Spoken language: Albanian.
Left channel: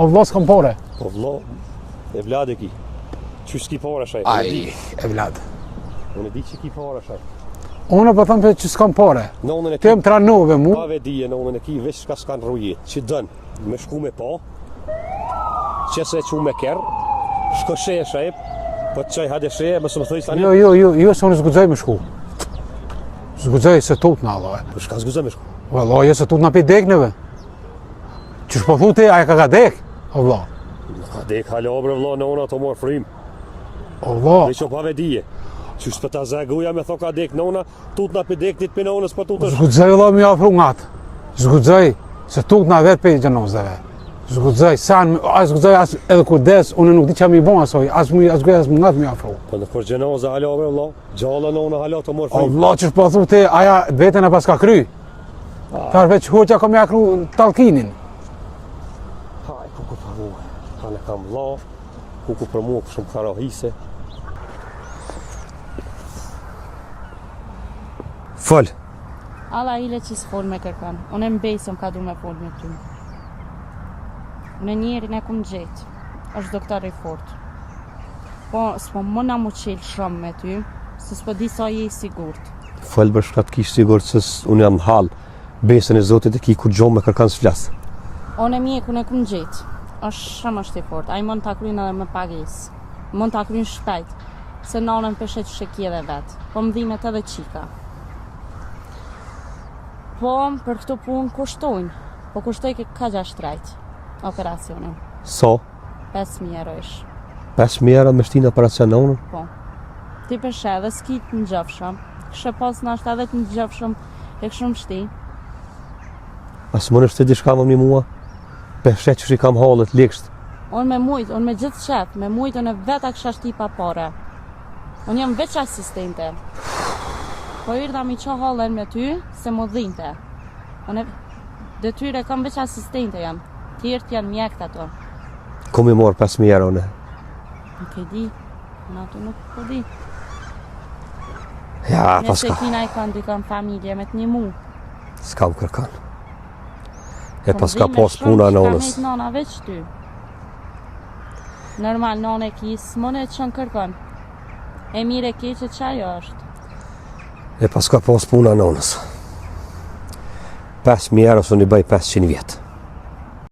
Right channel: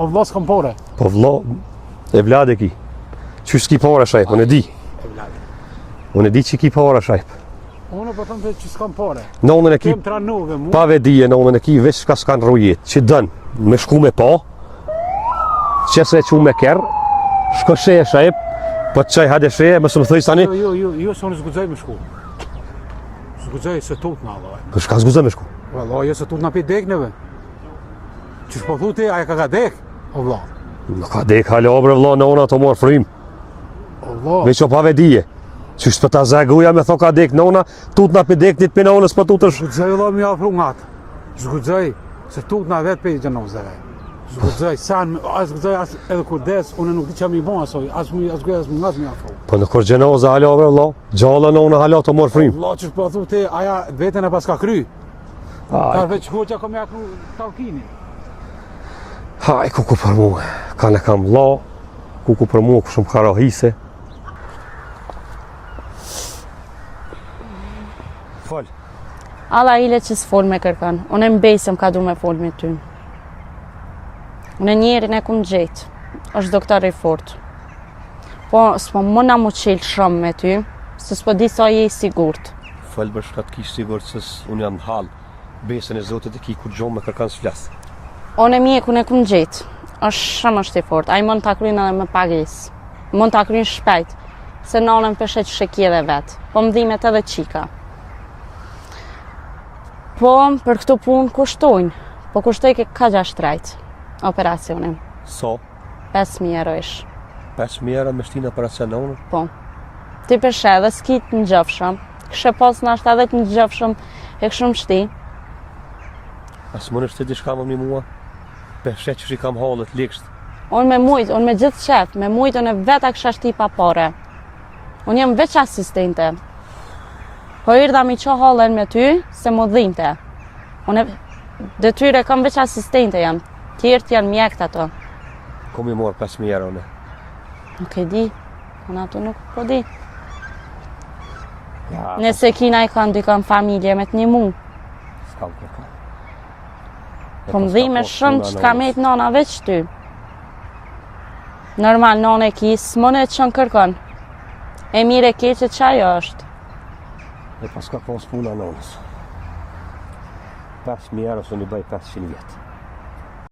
O vëlla s'kam pore. Po vëlla, e vlad e ki. Qysh s'ki pore shajp, unë e di. E vlad. Unë e di që ki pore shajp. Unë po them që s'kam pore. Nonën e ki, Kem tranove mu. pa vedije nonën e ki, veç ka s'kan rrujet. Që dën, me shku me pa, që se që me kerë, shko sheje shajp, po të qaj hade sheje, mësë më thëjë tani. Jo, se unë zgudzoj me shku. Zgudzoj se tut në Allah. Po shka zguzë me shku? Valla, jo se tut në pi dekneve. Qysh po thu ti, aja ka dek? Valla. Nuk ka dek halo bre vëlla, nona të morë frim. Valla. Me që pa vedije. Qysh për ta zaguja me tho ka dek nona, tut na pi dek dit për nonës për tutësh. Zgudzoj valla mi afru ngatë. Zgudzoj se tut në vetë për gjenozave. Zgudzoj, zgudzoj as edhe kur des, unë nuk di qa mi bon asoj, as ngatë mi afru. Po në kur gjenoza halo bre vëlla, gjalla nona halo të morë frim. Valla, qysh po thu ti, aja vetën e pas ka kry. Ka veç hoqja kom ja kru talkinin. Haj, kuku për mu, kanë e kam vëlla, kuku për mu, kushëm ka rahise. Fol. Alla ile që s'fol me kërkan, unë e mbesëm ka du me fol me ty. Unë e njerin e kun gjetë, është doktor i fort. Po, s'po mëna mu qelë shumë me ty, se s'po di sa je i sigurt. Fol bërë shka të kishë sigurt se unë jam halë, besën e Zotit e ki kur gjohë me kërkan s'flasë. Unë e mjekun e kun gjetë, është i fort, a i mund të akrynë edhe me pagesë. Mund të akrynë shpejt, se nonën përshet shekjeve vetë, po më dhimet edhe qika. Po, për këtu punë kushtojnë, po kushtoj ka 6 trajt, operacionin. So? 5.000 euroish. 5.000 euro me shtinë operacion në unë? Po. Ti përshe edhe s'kit në gjëfshëm, kështë pas në ashtë edhe të në gjëfshëm e këshëm shti. Asë më nështë të di shka më mi mua? Përshe që shi kam halët, lekshtë. Unë me mujtë, unë me gjithë qetë, me mujtë unë e veta kësha shti pa pare. Unë jam veç asistente. Po irda mi qo halën me ty, se më dhinte. Unë detyre kam veç asistente jam, tjertë janë mjekët ato. Ku mi morë 5.000 euro në? Nuk e di, unë ato nuk po di. Ja, Nëse paska. kina i kanë dykon familje me të një mu. S'kam kërkan. E Po më paska dhime pas shumë puna që ka nonës. mejtë nona veç ty. Normal, nona e ki, s'mone që në kërkon. E mire keqe që ajo është. E paska pas puna nonës. 5.000 euro së një bëj 500 vjetë.